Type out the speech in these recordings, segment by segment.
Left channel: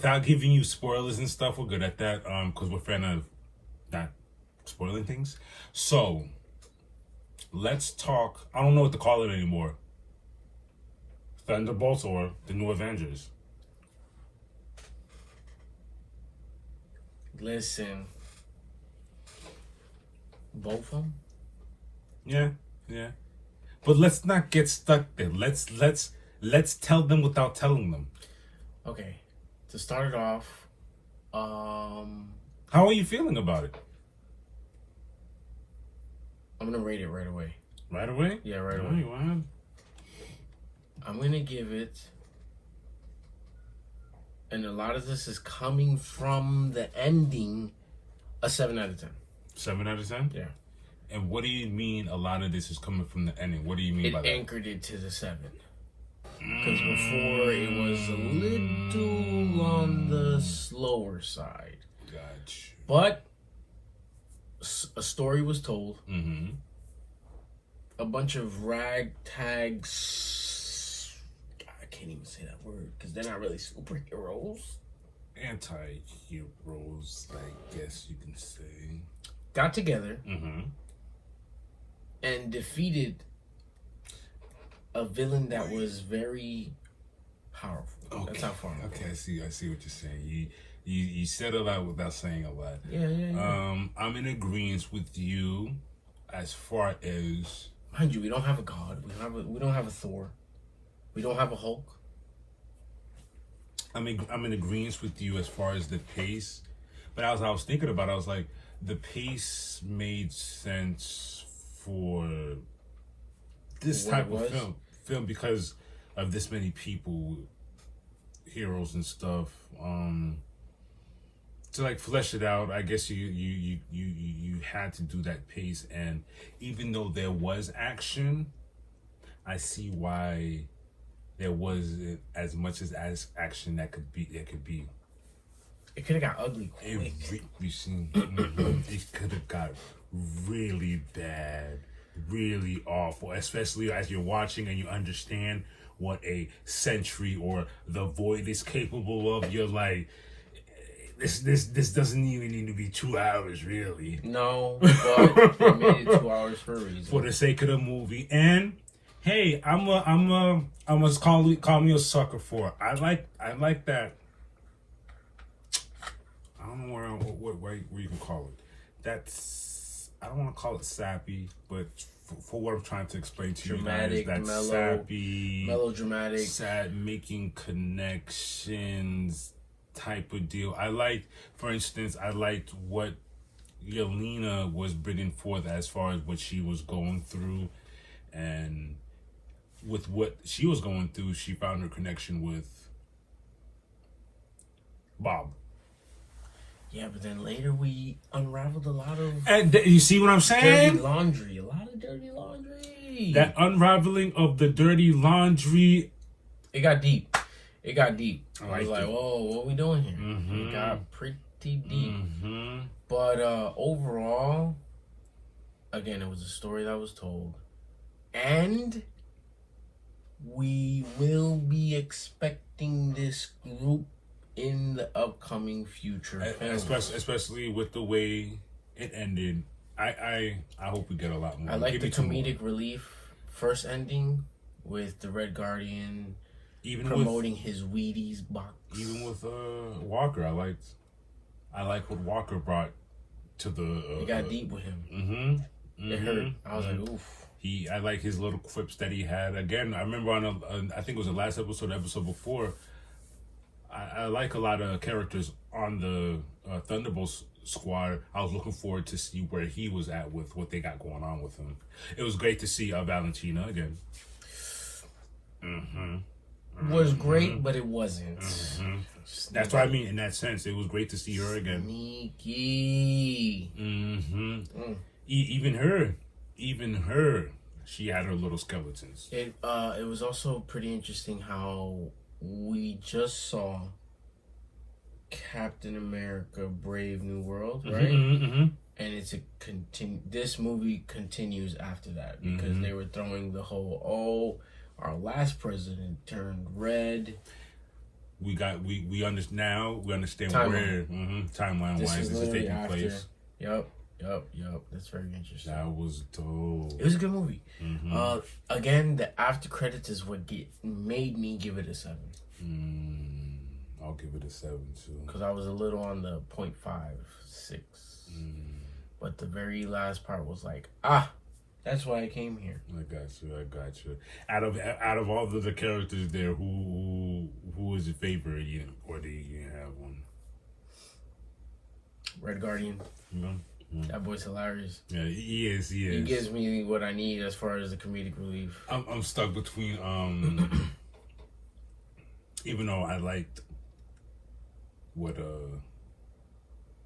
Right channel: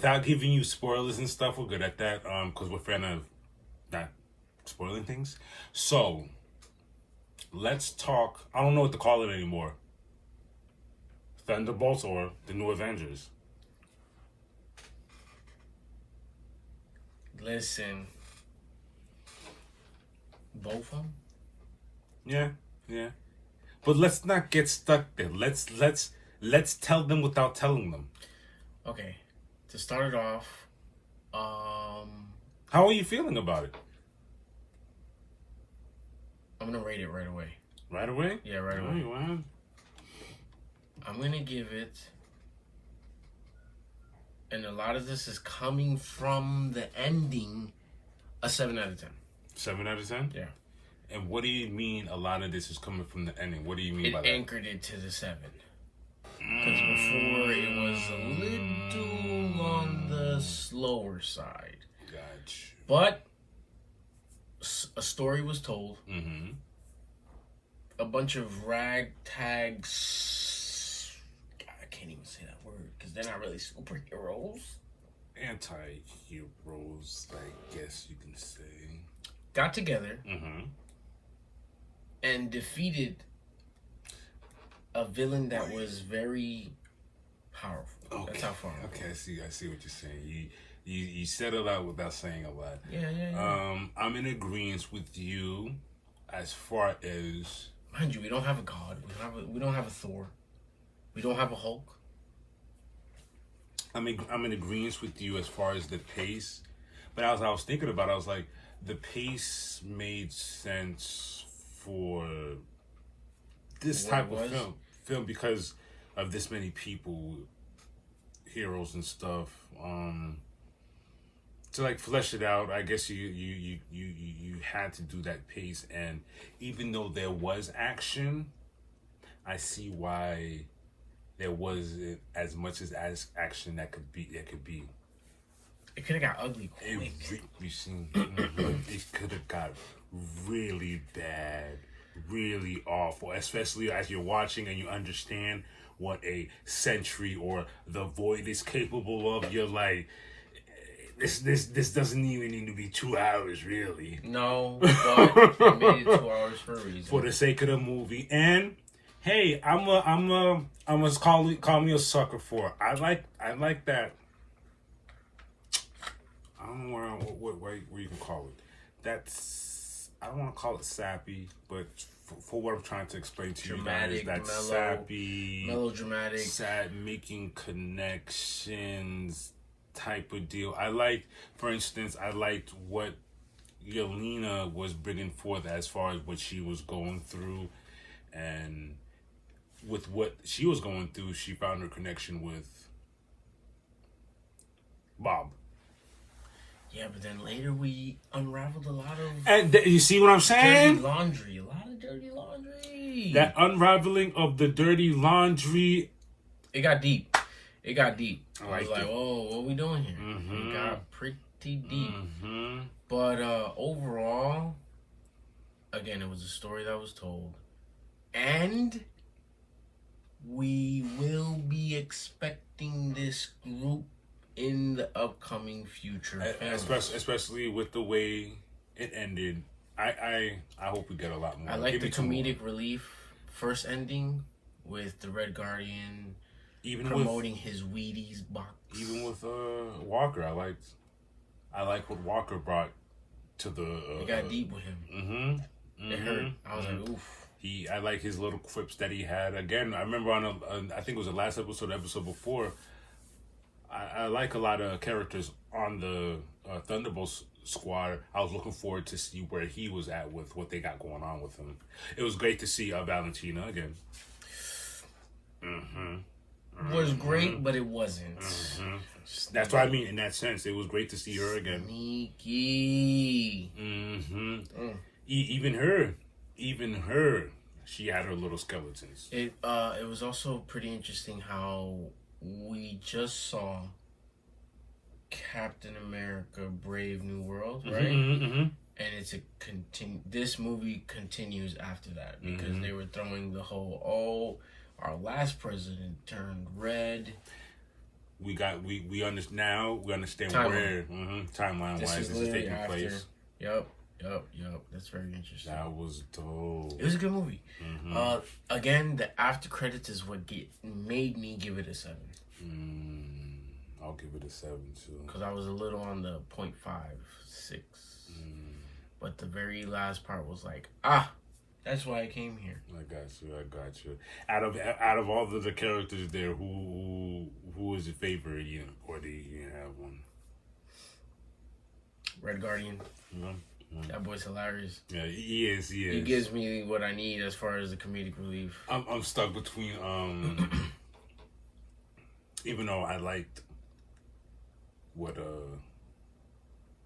without giving you spoilers and stuff, we're good at that. Because we're fan of not spoiling things. So let's talk. I don't know what to call it anymore. Thunderbolts or the New Avengers. Listen, both of them. Yeah. But let's not get stuck there. Let's tell them without telling them. Okay, to start it off, how are you feeling about it? I'm gonna rate it right away. Right away? Yeah, right away. I'm gonna give it, and a lot of this is coming from the ending, a 7 out of 10. 7 out of 10? Yeah. And what do you mean a lot of this is coming from the ending? What do you mean by that? It anchored it to the 7. Because before it was a little on the slower side. Gotcha. But a story was told. Mm-hmm. A bunch of ragtag... I can't even say that word because they're not really superheroes. Anti-heroes, I guess you can say. Got together Mm-hmm. and defeated a villain that was very powerful. Okay. That's how far. Okay, I see what you're saying. You said a lot without saying a lot. Yeah. I'm in agreement with you as far as, mind you, we don't have a god. We don't have a Thor. We don't have a Hulk. I'm in agreement with you as far as the pace. But as I was thinking about it, I was like, the pace made sense for this type of film because of this many people, heroes and stuff. To like flesh it out, I guess you had to do that pace, and even though there was action, I see why there wasn't as much as action that could be. It could have got ugly quick. It could have got really bad, really awful, especially as you're watching and you understand what a Sentry or the Void is capable of. You're like, this doesn't even need to be 2 hours, really. No, but they made it 2 hours for a reason. For the sake of the movie. And hey, I'm gonna call me a sucker for it. I like that. I don't know what you can call it. That's, I don't want to call it sappy, but for what I'm trying to explain to dramatic, you guys, that's mellow, sappy, melodramatic, sad, making connections type of deal. I like, for instance, I liked what Yelena was bringing forth as far as what she was going through, and with what she was going through, she found her connection with Bob. Yeah, but then later we unraveled a lot of... And you see what I'm saying? Dirty laundry. A lot of dirty laundry. That unraveling of the dirty laundry... It got deep. It I was like, whoa, what are we doing here? Mm-hmm. It got pretty deep. Mm-hmm. But overall, again, it was a story that was told. And we will be expecting this group in the upcoming future films. Especially with the way it ended. I hope we get a lot more. I like the comedic relief first ending with the Red Guardian even promoting his Wheaties box. Even with Walker, I like what Walker brought to the... it got deep with him. Mm-hmm. It hurt. I was like, oof. I like his little quips that he had. Again, I remember on I think it was the last episode, the episode before, I like a lot of characters on the Thunderbolts squad. I was looking forward to see where he was at with what they got going on with him. It was great to see Valentina again. Was great, but it wasn't. That's what I mean in that sense. It was great to see her again. Sneaky. Even her, she had her little skeletons. It was also pretty interesting how we just saw Captain America: Brave New World, right? And it's this movie continues after that because they were throwing the whole, our last president turned red. we understand now. We understand Timeline. where timeline This wise is this is literally taking after. place. Yep. That's very interesting. That was dope. It was a good movie. Again, the after credits is what made me give it a 7. I'll give it a 7 too. Because I was a little on the 0.5, 6. But the very last part was like, that's why I came here. I got you. Out of all the characters there, who was your favorite? Or do you have one? Red Guardian. That boy's hilarious. Yeah, he is. He gives me what I need as far as the comedic relief. I'm stuck between even though I liked what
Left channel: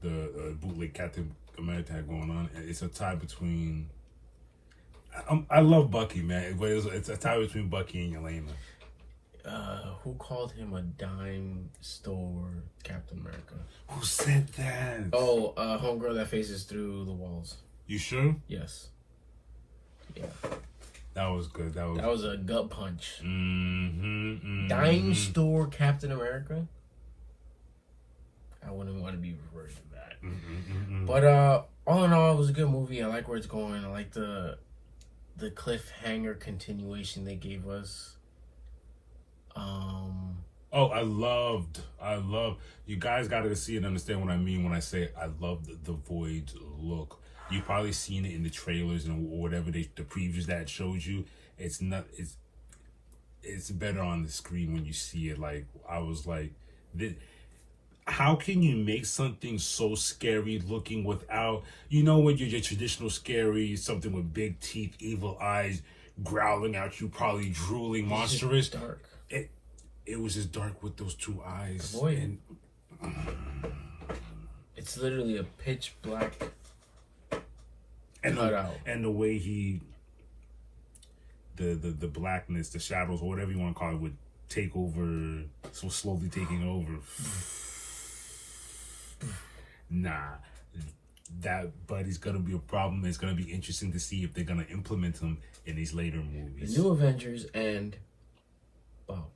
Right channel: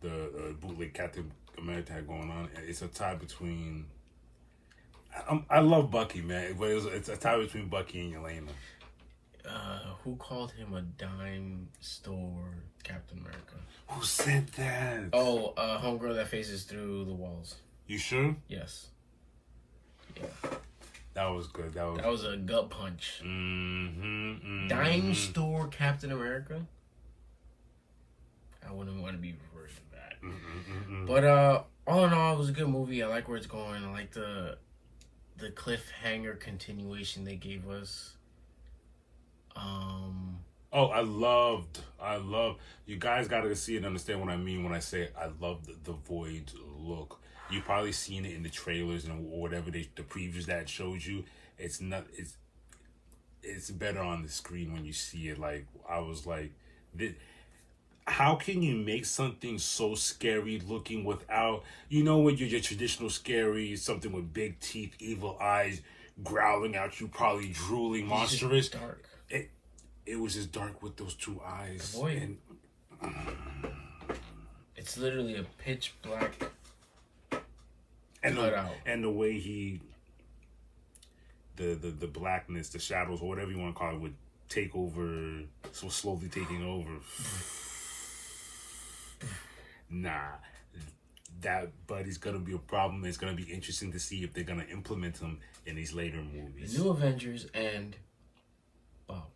the bootleg Captain America had going on, it's a tie between. I love Bucky, man, but it's a tie between Bucky and Yelena. Who called him a dime store Captain America? Who said that? Oh, homegirl that faces through the walls. You sure? Yes. Yeah. That was good. That was a gut punch. Dime Dime store Captain America? I wouldn't want to be referred to that. But all in all, it was a good movie. I like where it's going. I like the cliffhanger continuation they gave us. I loved. You guys got to see and understand what I mean when I say I love the Void look. You've probably seen it in the trailers and whatever the previews that showed you. It's better on the screen when you see it. Like I was like, how can you make something so scary looking without, when your traditional scary, something with big teeth, evil eyes, growling at you, probably drooling, monstrous. Dark. It was just dark with those two eyes. Void. It's literally a pitch black cutout. And the way the blackness, the shadows, or whatever you want to call it, would take over, so slowly taking over. But he's gonna be a problem. It's gonna be interesting to see if they're gonna implement him in these later movies. The New Avengers and Bob.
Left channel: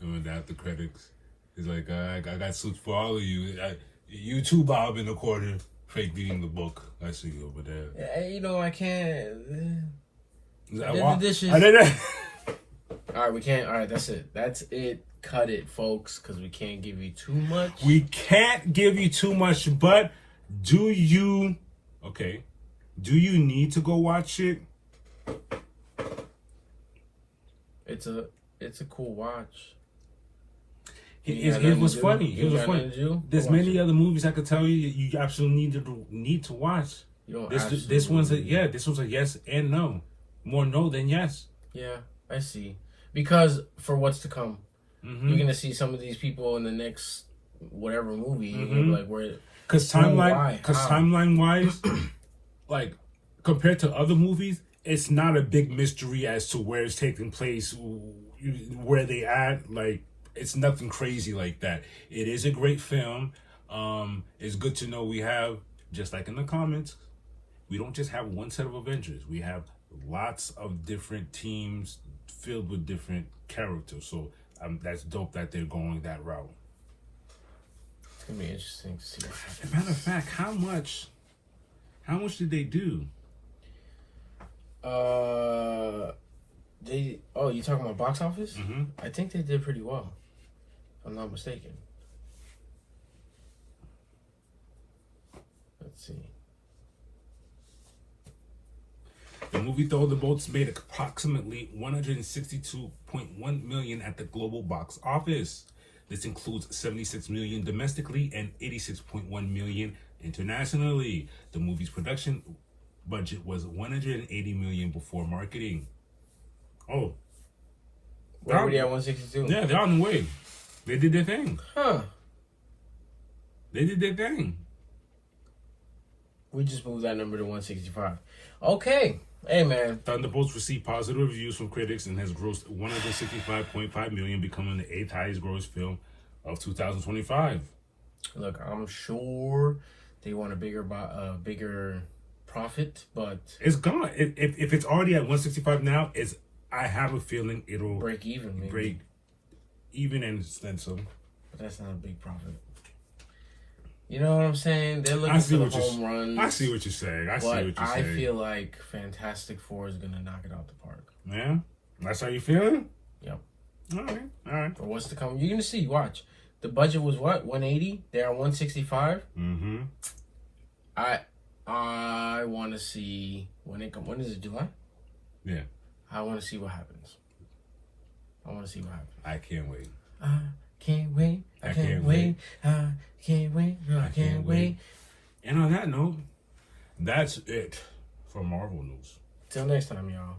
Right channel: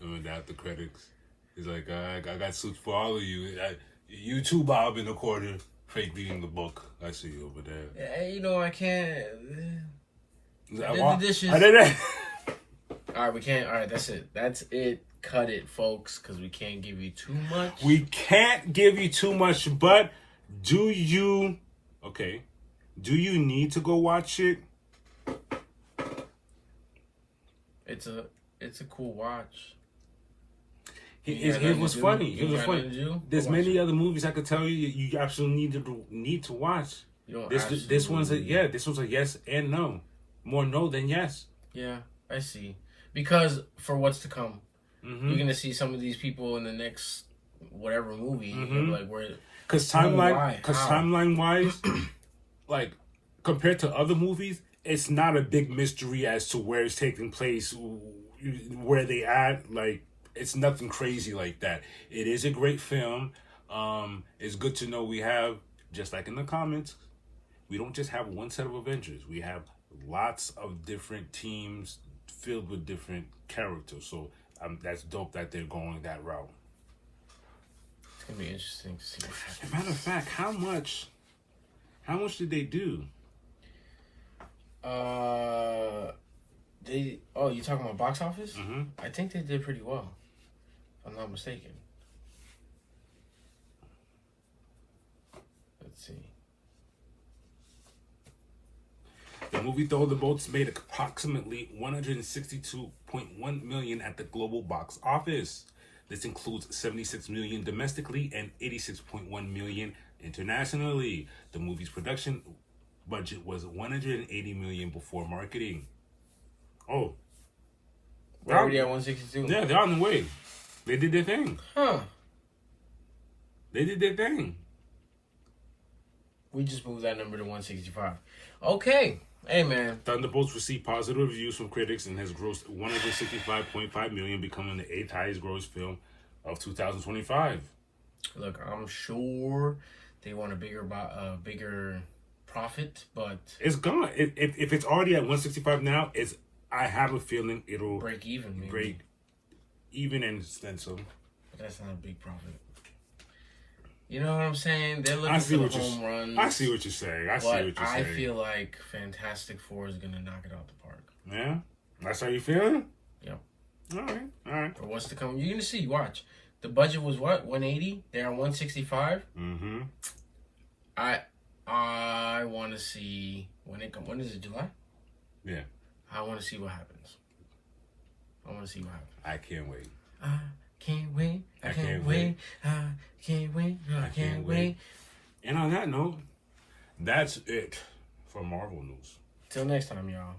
Remember that the critics? He's like, I got suits for all of you. You too, Bob, in the corner, fake reading the book. I see you over there. Yeah, I can't. I did the dishes. All right, we can't. All right, that's it. That's it. Cut it, folks, because we can't give you too much. We can't give you too much, but do you need to go watch it? It's a cool watch. It was funny. There's many other movies I could tell you absolutely need to watch. This one's a yes and no. More no than yes. Yeah, I see. Because for what's to come, you're gonna see some of these people in the next whatever movie. And you're gonna be like, where? Because timeline wise, like compared to other movies, it's not a big mystery as to where it's taking place, where they at. Like it's nothing crazy like that. It is a great film. It's good to know we have, just like in the comments, we don't just have one set of Avengers. We have lots of different teams filled with different characters. So that's dope that they're going that route. It's gonna be interesting to see what happens. Matter of fact, how much did they do? You talking about box office? Mm-hmm. I think they did pretty well, if I'm not mistaken. Let's see. The movie Thunderbolts made approximately $162.1 million at the global box office. This includes $76 million domestically and $86.1 million internationally. The movie's production budget was $180 million before marketing. Oh. We're already at 162. Yeah, they're on the way. They did their thing. Huh. They did their thing. We just moved that number to 165. Okay. Hey, man. Thunderbolts received positive reviews from critics and has grossed $165.5 million, becoming the 8th highest gross film of 2025. Look, I'm sure they want a bigger profit, but it's gone. If it's already at 165 now, it's I have a feeling it'll break even, maybe. break even and then some. But that's not a big profit. You know what I'm saying? They're looking for the home runs. I see what you're saying. But I feel like Fantastic Four is gonna knock it out the park. Yeah, that's how you feeling? Yep. All right. Or what's to come? You're gonna see. Watch. The budget was what? 180. They're at 165. Mm-hmm. I want to see when it comes. When is it? July? Yeah. I want to see what happens. I I can't wait. I can't wait. I can't wait. I can't wait. I can't wait. And on that note, that's it for Marvel news. Till next time, y'all.